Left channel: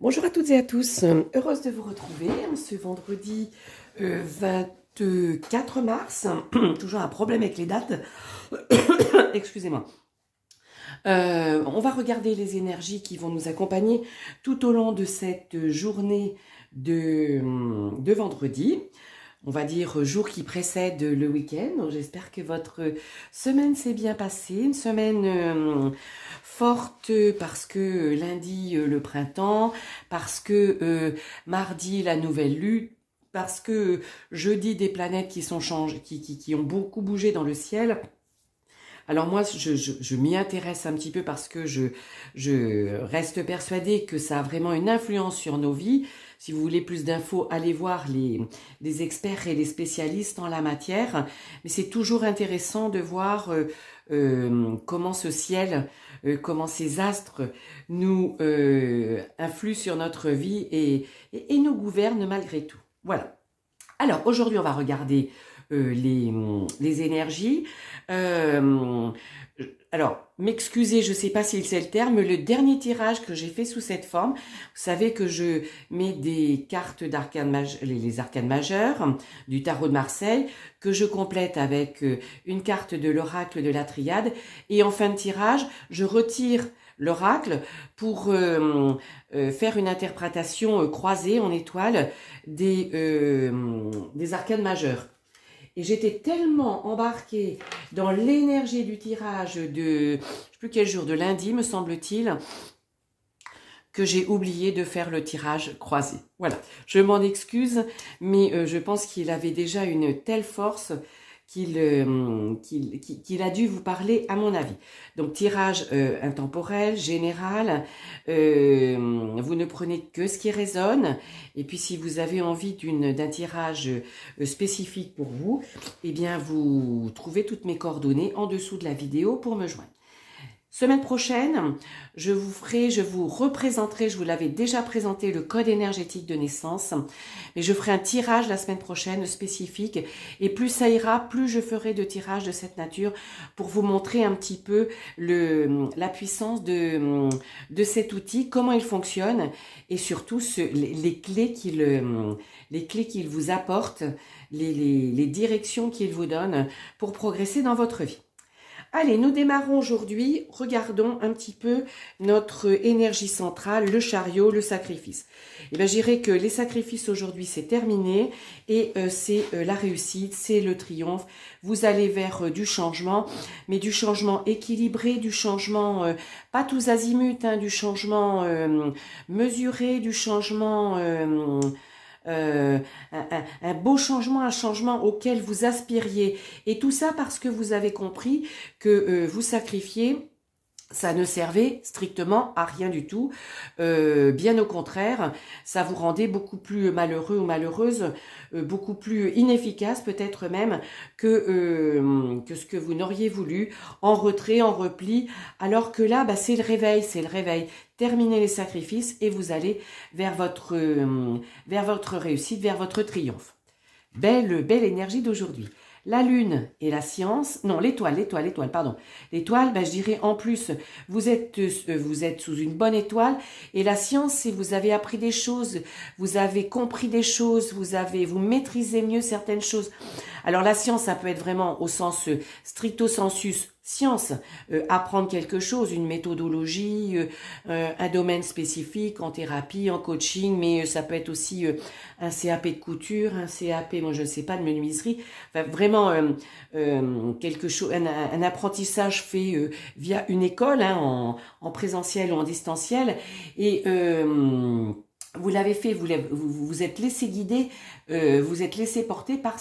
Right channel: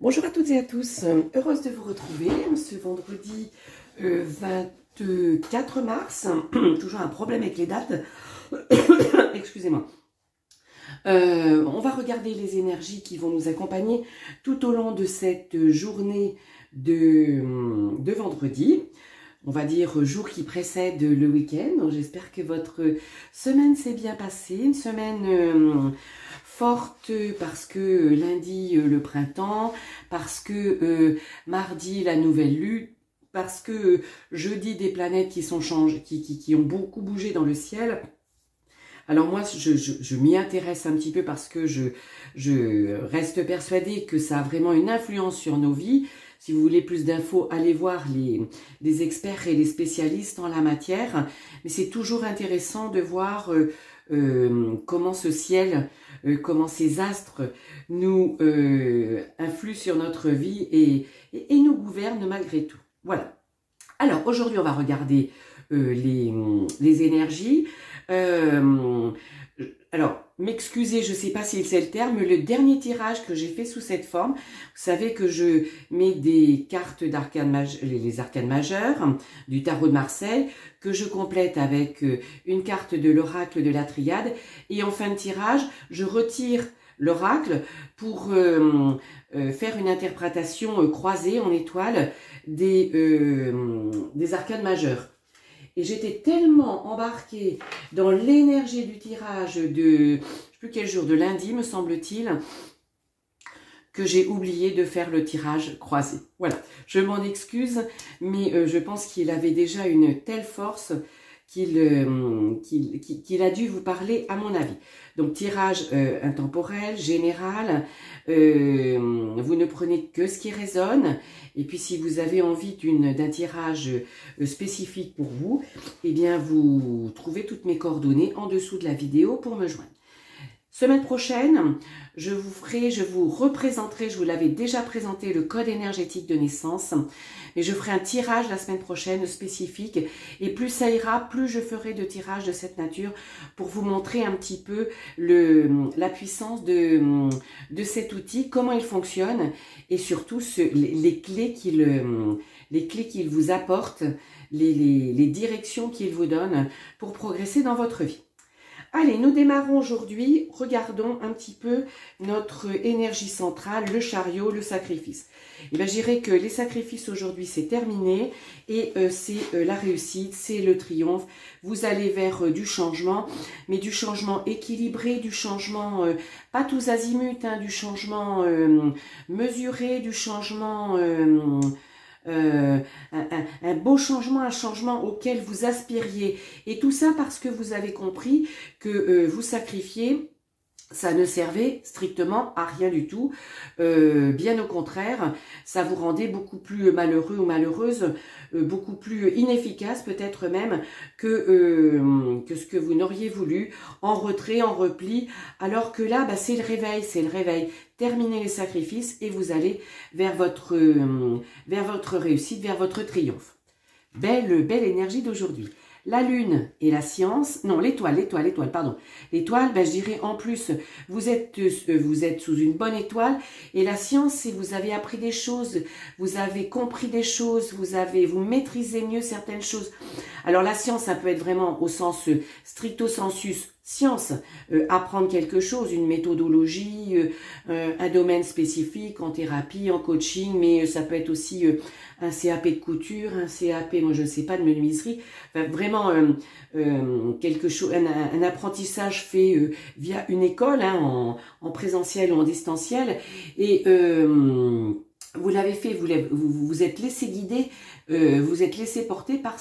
Bonjour à toutes et à tous, heureuse de vous retrouver ce vendredi 24 mars, toujours un problème avec les dates, excusez-moi. On va regarder les énergies qui vont nous accompagner tout au long de cette journée de vendredi. On va dire jour qui précède le week-end. J'espère que votre semaine s'est bien passée, une semaine forte parce que lundi le printemps, parce que mardi la nouvelle lune, parce que jeudi des planètes qui sont changées, qui ont beaucoup bougé dans le ciel. Alors moi, je m'y intéresse un petit peu parce que je reste persuadée que ça a vraiment une influence sur nos vies. Si vous voulez plus d'infos, allez voir les experts et les spécialistes en la matière. Mais c'est toujours intéressant de voir comment ce ciel, comment ces astres nous influent sur notre vie et nous gouvernent malgré tout. Voilà. Alors aujourd'hui, on va regarder les énergies. Alors, m'excusez, je ne sais pas si c'est le terme, le dernier tirage que j'ai fait sous cette forme, vous savez que je mets des cartes d'arcane les arcanes majeures du tarot de Marseille, que je complète avec une carte de l'oracle de la triade, et en fin de tirage, je retire l'oracle pour faire une interprétation croisée en étoile des arcanes majeures. Et j'étais tellement embarquée dans l'énergie du tirage de, je ne sais plus quel jour, de lundi me semble-t-il, que j'ai oublié de faire le tirage croisé. Voilà, je m'en excuse, mais je pense qu'il avait déjà une telle force qu'il a dû vous parler à mon avis. Donc tirage intemporel, général, vous ne prenez que ce qui résonne, et puis si vous avez envie d'un tirage spécifique pour vous, eh bien vous trouvez toutes mes coordonnées en dessous de la vidéo pour me joindre. Semaine prochaine, je vous représenterai, je vous l'avais déjà présenté, le code énergétique de naissance, mais je ferai un tirage la semaine prochaine spécifique, et plus ça ira, plus je ferai de tirages de cette nature pour vous montrer un petit peu la puissance de cet outil, comment il fonctionne, et surtout les clés qu'il vous apporte, les directions qu'il vous donne pour progresser dans votre vie. Allez, nous démarrons aujourd'hui, regardons un petit peu notre énergie centrale, le chariot, le sacrifice. Et bien, je dirais que les sacrifices aujourd'hui, c'est terminé et c'est la réussite, c'est le triomphe. Vous allez vers du changement, mais du changement équilibré, du changement pas tous azimuts, hein, du changement mesuré, du changement... un beau changement, un changement auquel vous aspiriez. Et tout ça parce que vous avez compris que vous sacrifiez, ça ne servait strictement à rien du tout. Bien au contraire, ça vous rendait beaucoup plus malheureux ou malheureuse, beaucoup plus inefficace peut-être même que ce que vous n'auriez voulu, en retrait, en repli, alors que là, bah, c'est le réveil, c'est le réveil. Terminez les sacrifices et vous allez vers votre réussite, vers votre triomphe. Belle énergie d'aujourd'hui. La lune et la science, non, l'étoile, pardon. L'étoile, ben, je dirais en plus, vous êtes sous une bonne étoile, et la science, c'est vous avez appris des choses, vous avez compris des choses, vous maîtrisez mieux certaines choses. Alors la science, ça peut être vraiment au sens stricto sensus, science, apprendre quelque chose, une méthodologie, un domaine spécifique en thérapie, en coaching, mais ça peut être aussi un CAP de couture, un CAP, moi je ne sais pas, de menuiserie, enfin, vraiment quelque chose, un apprentissage fait via une école, hein, en présentiel ou en distanciel, et vous l'avez fait, vous êtes laissé guider, vous êtes laissé porter par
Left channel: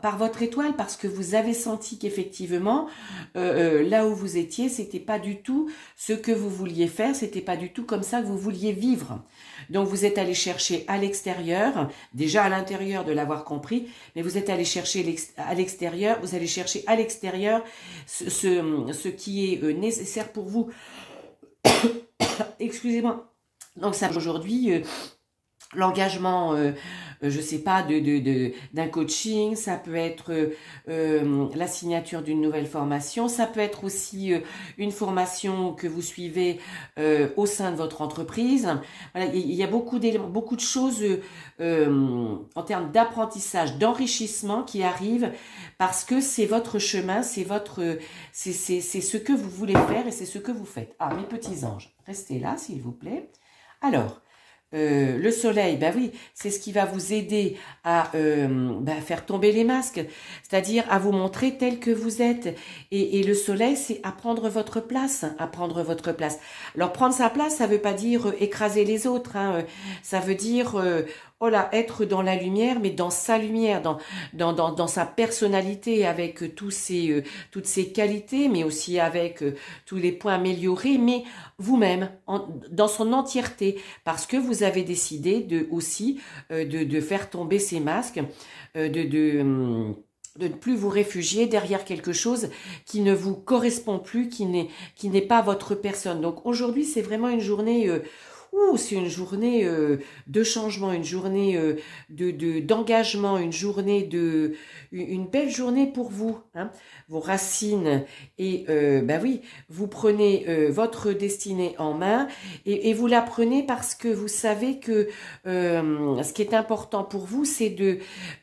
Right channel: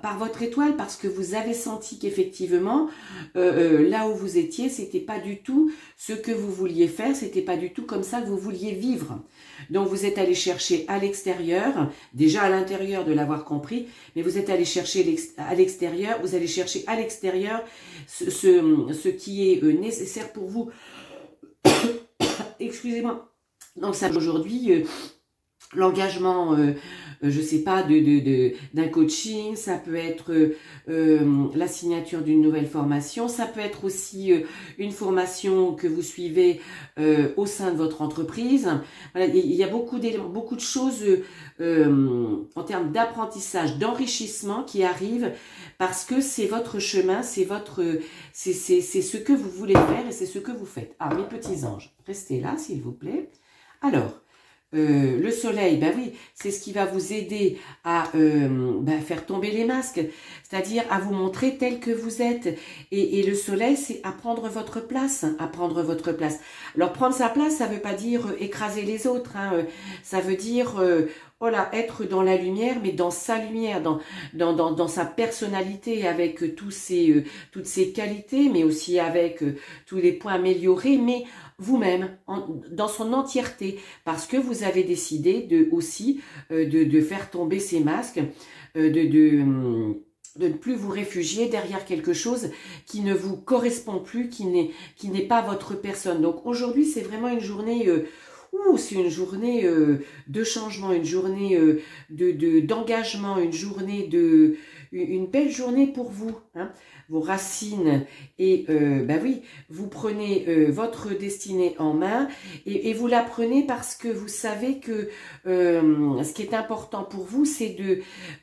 par votre étoile, parce que vous avez senti qu'effectivement, là où vous étiez, c'était pas du tout ce que vous vouliez faire, c'était pas du tout comme ça que vous vouliez vivre. Donc vous êtes allé chercher à l'extérieur, déjà à l'intérieur de l'avoir compris, mais vous êtes allé chercher à l'extérieur, vous allez chercher à l'extérieur ce qui est nécessaire pour vous. Excusez-moi. Donc ça aujourd'hui, l'engagement, je sais pas, d'un coaching, ça peut être la signature d'une nouvelle formation, ça peut être aussi une formation que vous suivez au sein de votre entreprise. Voilà, il y a beaucoup d'éléments, beaucoup de choses en termes d'apprentissage, d'enrichissement qui arrivent parce que c'est votre chemin, c'est ce que vous voulez faire et c'est ce que vous faites. Ah, mes petits anges, restez là s'il vous plaît. Alors, le soleil, ben oui, c'est ce qui va vous aider à faire tomber les masques, c'est-à-dire à vous montrer tel que vous êtes. Et le soleil, c'est à prendre votre place, à prendre votre place. Alors, prendre sa place, ça veut pas dire écraser les autres, hein, ça veut dire... oh là, être dans la lumière, mais dans sa lumière, dans sa personnalité, avec toutes ses qualités, mais aussi avec tous les points améliorés, mais vous-même, dans son entièreté, parce que vous avez décidé de faire tomber ces masques, de ne plus vous réfugier derrière quelque chose qui ne vous correspond plus, qui n'est pas votre personne. Donc aujourd'hui, c'est vraiment une journée... c'est une journée de changement, une journée d'engagement, une belle journée pour vous, hein, vos racines. Et oui, vous prenez votre destinée en main et vous la prenez parce que vous savez que ce qui est important pour vous, c'est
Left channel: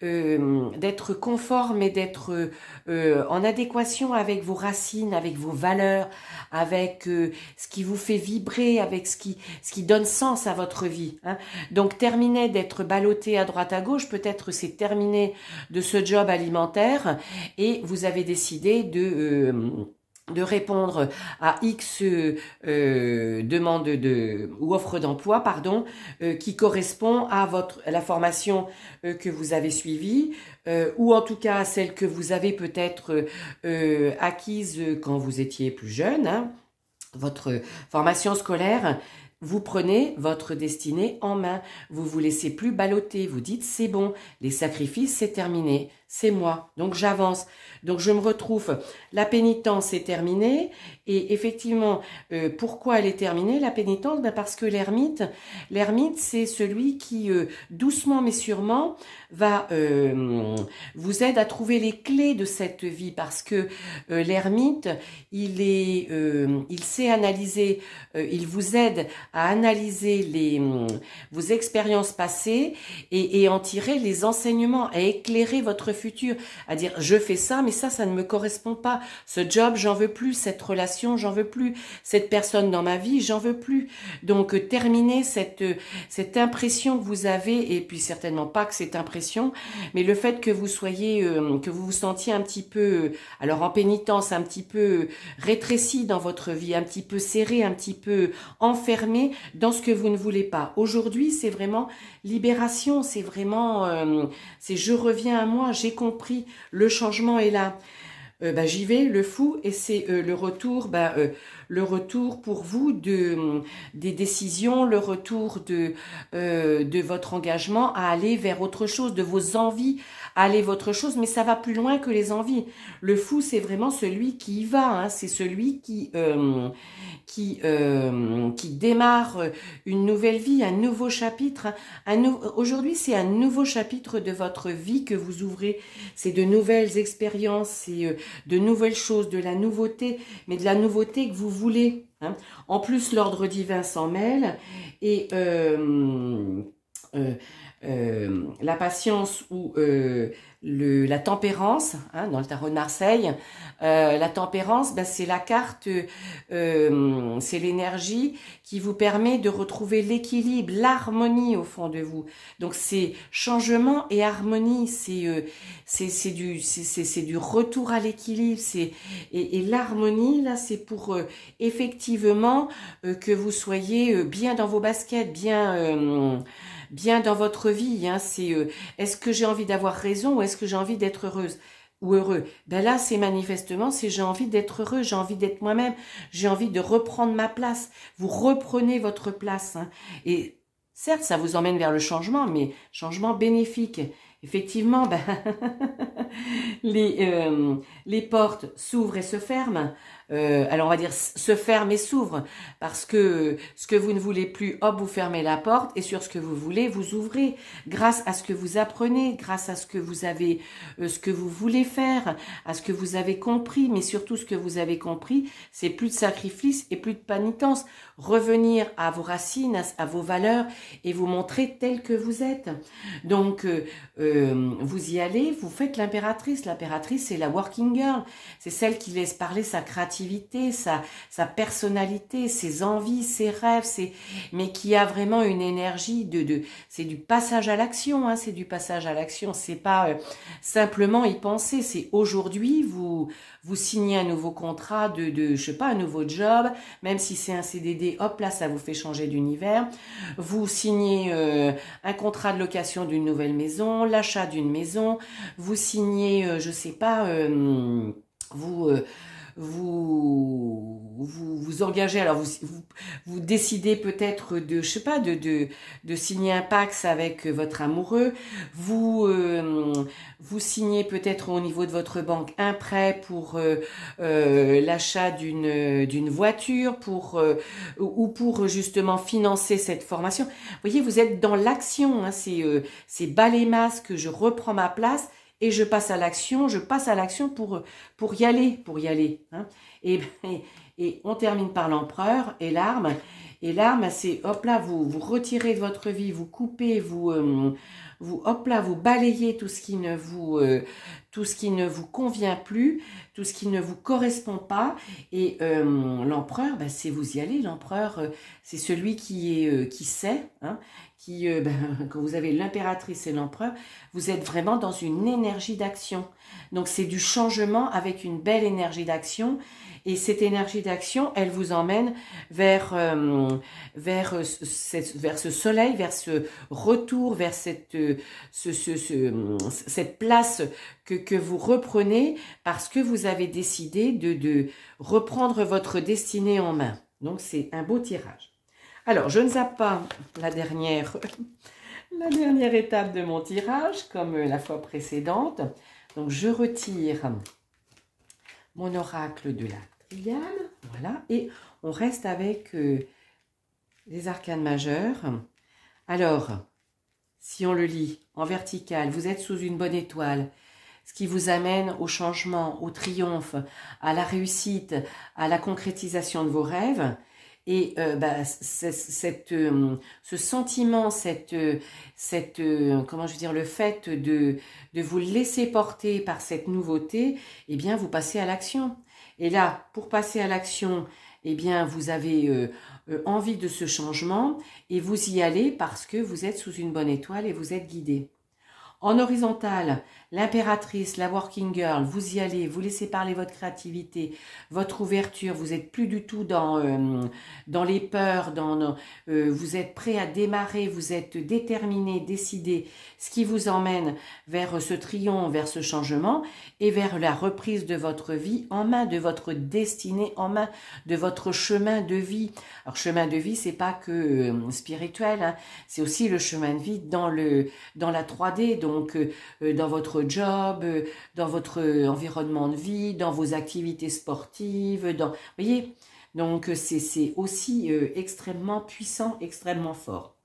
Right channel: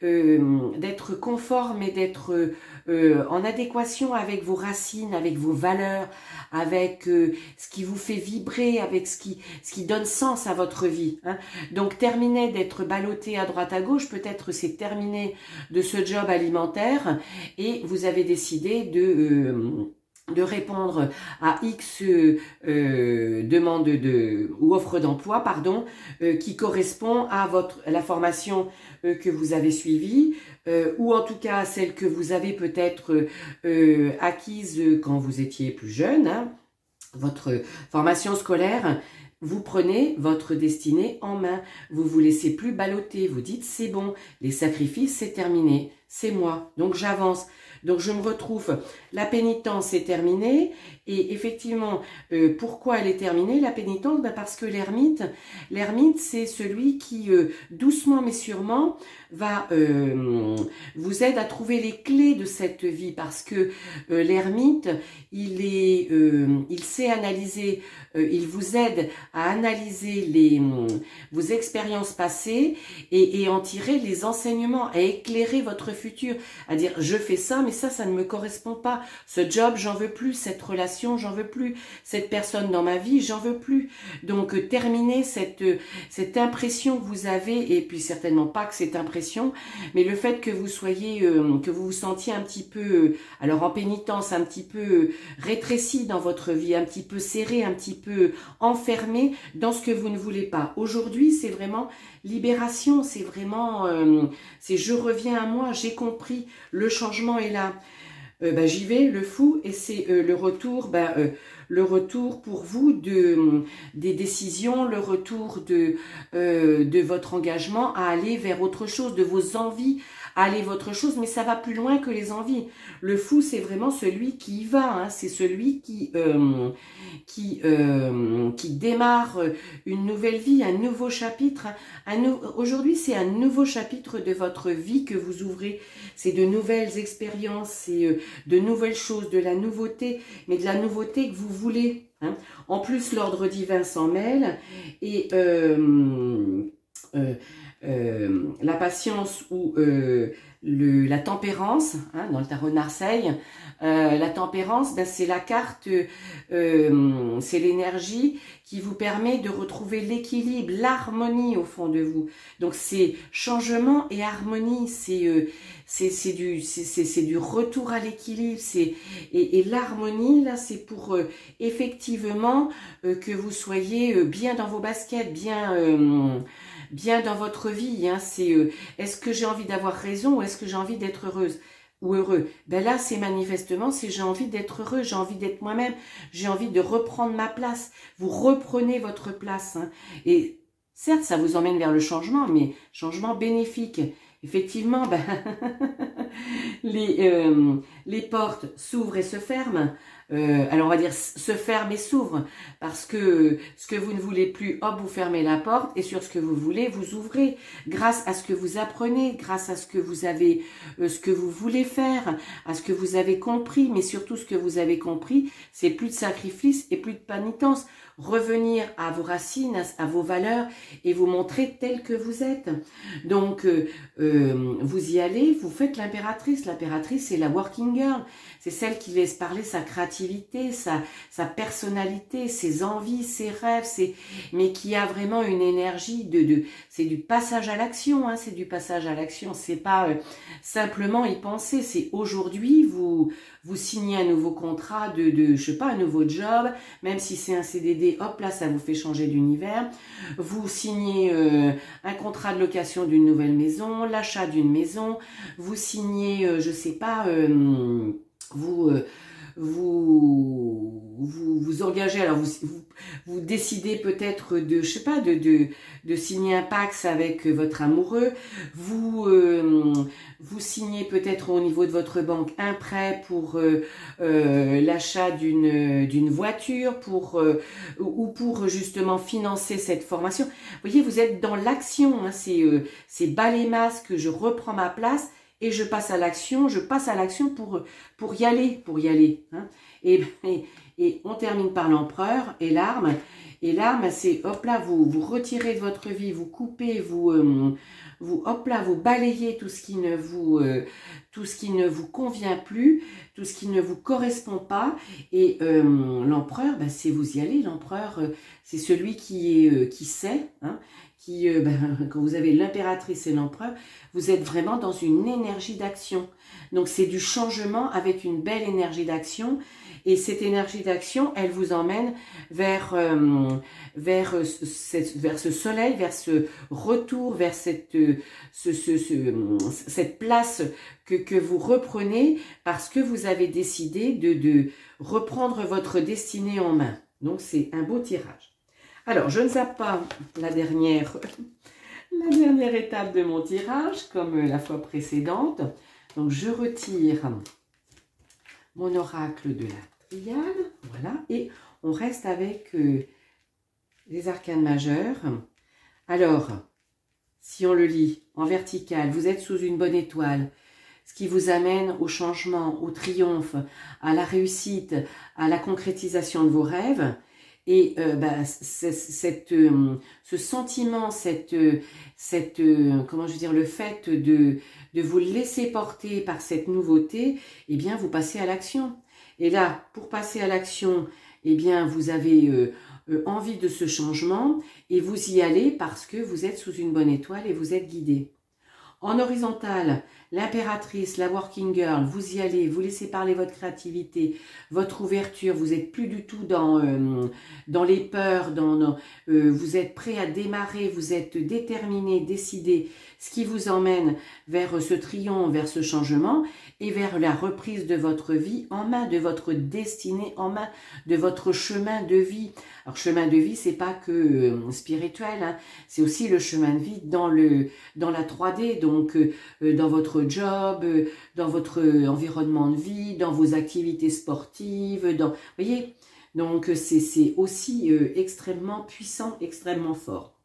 d'être conforme et d'être en adéquation avec vos racines, avec vos valeurs, avec ce qui vous fait vibrer, avec ce qui donne sens à votre vie, hein. Donc terminer d'être ballotté à droite à gauche, peut-être c'est terminer de ce job alimentaire et vous avez décidé de répondre à X demande ou offre d'emploi, pardon, qui correspond à la formation que vous avez suivie, ou en tout cas à celle que vous avez peut-être acquise quand vous étiez plus jeune, hein, votre formation scolaire. Vous prenez votre destinée en main, vous vous laissez plus balloter, vous dites c'est bon, les sacrifices c'est terminé, c'est moi, donc j'avance. Donc je me retrouve, la pénitence est terminée et effectivement, pourquoi elle est terminée la pénitence? Parce que l'ermite c'est celui qui doucement mais sûrement va vous aide à trouver les clés de cette vie parce que l'ermite, il sait analyser, il vous aide à analyser vos expériences passées et en tirer les enseignements, à éclairer votre futur, à dire je fais ça mais ça ne me correspond pas, ce job j'en veux plus, cette relation j'en veux plus, cette personne dans ma vie j'en veux plus. Donc terminer cette impression que vous avez, et puis certainement pas que cette impression, mais le fait que vous soyez, que vous vous sentiez un petit peu, alors en pénitence, un petit peu rétréci dans votre vie, un petit peu serré, un petit peu enfermé dans ce que vous ne voulez pas. Aujourd'hui, c'est vraiment libération, c'est vraiment, c'est je reviens à moi, j'ai compris, le changement est là. J'y vais, le fou, et c'est le retour pour vous des décisions, le retour de votre engagement à aller vers autre chose, de vos envies, à aller vers autre chose, mais ça va plus loin que les envies. Le fou, c'est vraiment celui qui y va, hein, c'est celui qui démarre une nouvelle vie, un nouveau chapitre. Aujourd'hui, c'est un nouveau chapitre de votre vie que vous ouvrez. C'est de nouvelles expériences, c'est de nouvelles choses, de la nouveauté, mais de la nouveauté que vous voulez, hein. En plus, l'ordre divin s'en mêle et la patience ou la tempérance, hein, dans le tarot de Marseille, la tempérance, c'est la carte, c'est l'énergie qui vous permet de retrouver l'équilibre, l'harmonie au fond de vous. Donc c'est changement et harmonie, c'est du retour à l'équilibre, et l'harmonie là, c'est pour effectivement que vous soyez bien dans vos baskets, bien dans votre vie, hein. C'est est-ce que j'ai envie d'avoir raison ou est-ce que j'ai envie d'être heureuse ou heureux? Là, c'est manifestement, c'est j'ai envie d'être heureux, j'ai envie d'être moi-même, j'ai envie de reprendre ma place. Vous reprenez votre place, hein. Et certes, ça vous emmène vers le changement, mais changement bénéfique. Effectivement, les portes s'ouvrent et se ferment. alors on va dire se ferme et s'ouvre, parce que ce que vous ne voulez plus, hop, vous fermez la porte, et sur ce que vous voulez, vous ouvrez, grâce à ce que vous apprenez, grâce à ce que vous avez, ce que vous voulez faire, à ce que vous avez compris, mais surtout ce que vous avez compris, c'est plus de sacrifice et plus de pénitence. Revenir à vos racines, à vos valeurs, et vous montrer tel que vous êtes. Donc, vous y allez, vous faites l'impératrice. L'impératrice, c'est la working girl. C'est celle qui laisse parler sa créativité, sa personnalité, ses envies, ses rêves, mais qui a vraiment une énergie c'est du passage à l'action, hein, c'est du passage à l'action. C'est pas simplement y penser, c'est aujourd'hui, vous signez un nouveau contrat je sais pas, un nouveau job, même si c'est un CDD, hop là, ça vous fait changer d'univers. Vous signez un contrat de location d'une nouvelle maison, l'achat d'une maison, vous signez, je sais pas, vous engagez, alors vous décidez peut-être de, je sais pas, de signer un Pacs avec votre amoureux, vous signez peut-être au niveau de votre banque un prêt pour l'achat d'une voiture, ou pour justement financer cette formation. Vous voyez, vous êtes dans l'action, hein, c'est bas les masques, je reprends ma place, et je passe à l'action, pour y aller. Hein. Et on termine par l'empereur et l'arme. Et l'arme, c'est, hop là, vous retirez de votre vie, vous coupez, hop là, vous balayez tout ce qui ne vous convient plus, tout ce qui ne vous correspond pas. Et l'empereur, ben, c'est vous y allez. L'empereur, c'est celui qui sait, hein, quand vous avez l'impératrice et l'empereur, vous êtes vraiment dans une énergie d'action. Donc c'est du changement avec une belle énergie d'action. Et cette énergie d'action, elle vous emmène vers ce soleil, vers ce retour, vers cette place que vous reprenez parce que vous avez décidé de reprendre votre destinée en main. Donc c'est un beau tirage. Alors, je ne zappe pas la dernière étape de mon tirage, comme la fois précédente. Donc, je retire mon oracle de la triade. Voilà. Et on reste avec les arcanes majeures. Alors, si on le lit en vertical, vous êtes sous une bonne étoile, ce qui vous amène au changement, au triomphe, à la réussite, à la concrétisation de vos rêves. Et ce sentiment, comment je veux dire, le fait de vous laisser porter par cette nouveauté, eh bien, vous passez à l'action. Et là, pour passer à l'action, eh bien, vous avez envie de ce changement et vous y allez parce que vous êtes sous une bonne étoile et vous êtes guidé. En horizontal, l'impératrice, la working girl, vous y allez, vous laissez parler votre créativité, votre ouverture, vous n'êtes plus du tout dans les peurs, vous êtes prêt à démarrer, vous êtes déterminé, décidé, ce qui vous emmène vers ce triomphe, vers ce changement et vers la reprise de votre vie en main, de votre destinée en main, de votre chemin de vie. Alors, chemin de vie, c'est pas que spirituel, hein, c'est aussi le chemin de vie dans la 3D, donc dans votre job, dans votre environnement de vie, dans vos activités sportives, vous voyez, donc c'est aussi extrêmement puissant, extrêmement fort.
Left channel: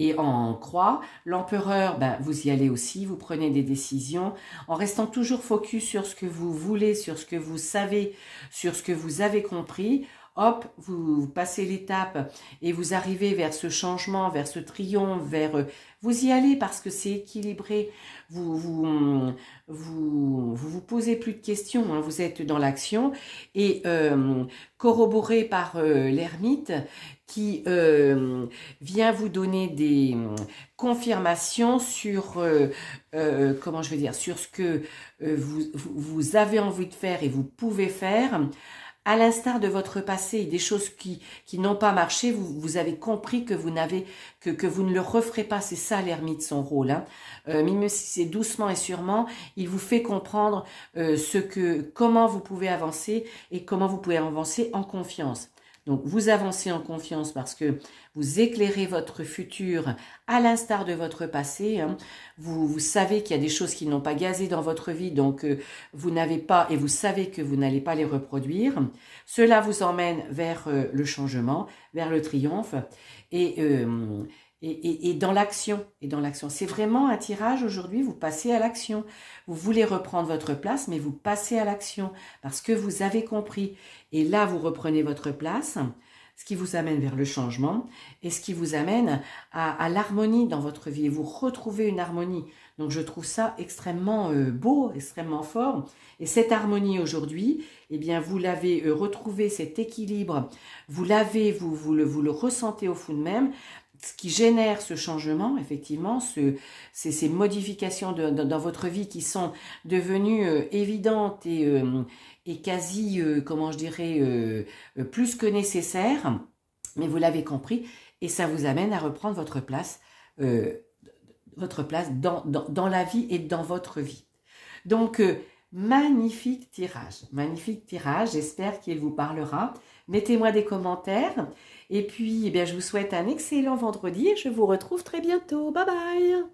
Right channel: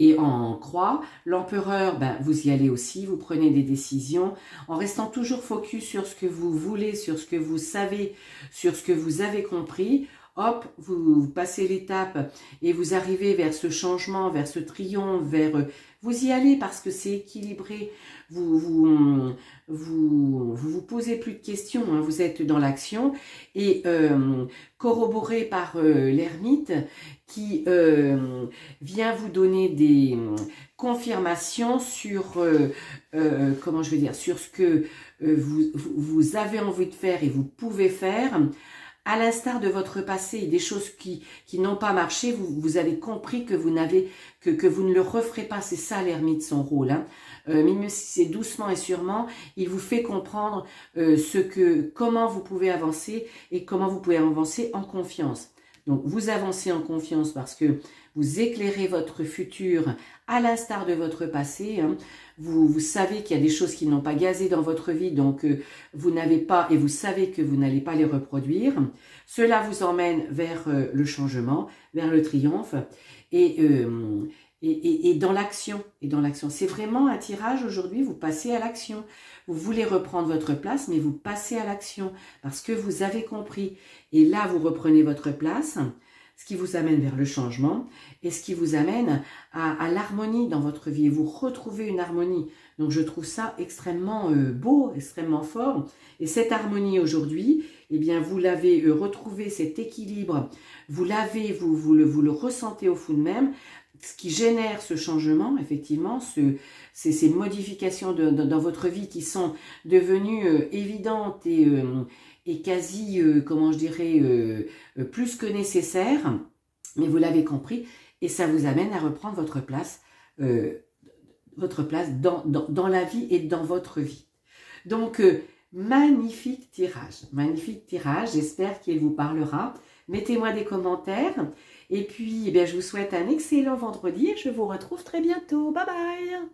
Et en croix, l'empereur, ben, vous y allez aussi, vous prenez des décisions en restant toujours focus sur ce que vous voulez, sur ce que vous savez, sur ce que vous avez compris. Hop, vous passez l'étape et vous arrivez vers ce changement, vers ce triomphe, vous y allez parce que c'est équilibré. Vous posez plus de questions, hein, vous êtes dans l'action et corroboré par l'ermite qui vient vous donner des confirmations sur comment je vais dire, sur ce que vous avez envie de faire et vous pouvez faire. À l'instar de votre passé, des choses qui n'ont pas marché, vous avez compris que vous ne le referez pas. C'est ça l'ermite, son rôle. Hein. Même si c'est doucement et sûrement, il vous fait comprendre comment vous pouvez avancer et comment vous pouvez avancer en confiance. Donc, vous avancez en confiance parce que vous éclairez votre futur à l'instar de votre passé. Hein. Vous savez qu'il y a des choses qui n'ont pas gazé dans votre vie, donc vous n'avez pas, et vous savez que vous n'allez pas les reproduire. Cela vous emmène vers le changement, vers le triomphe et dans l'action. C'est vraiment un tirage aujourd'hui, vous passez à l'action. Vous voulez reprendre votre place, mais vous passez à l'action parce que vous avez compris. Et là, vous reprenez votre place, ce qui vous amène vers le changement et ce qui vous amène à l'harmonie dans votre vie. Et vous retrouvez une harmonie. Donc, je trouve ça extrêmement beau, extrêmement fort. Et cette harmonie aujourd'hui, eh bien, vous l'avez retrouvé, cet équilibre. Vous l'avez, vous le ressentez au fond de même. Ce qui génère ce changement, effectivement, ces modifications dans votre vie qui sont devenues évidentes et quasi, comment je dirais, plus que nécessaires, mais vous l'avez compris, et ça vous amène à reprendre votre place dans la vie et dans votre vie. Donc, magnifique tirage, j'espère qu'il vous parlera. Mettez-moi des commentaires. Et puis, eh bien, je vous souhaite un excellent vendredi et je vous retrouve très bientôt. Bye bye!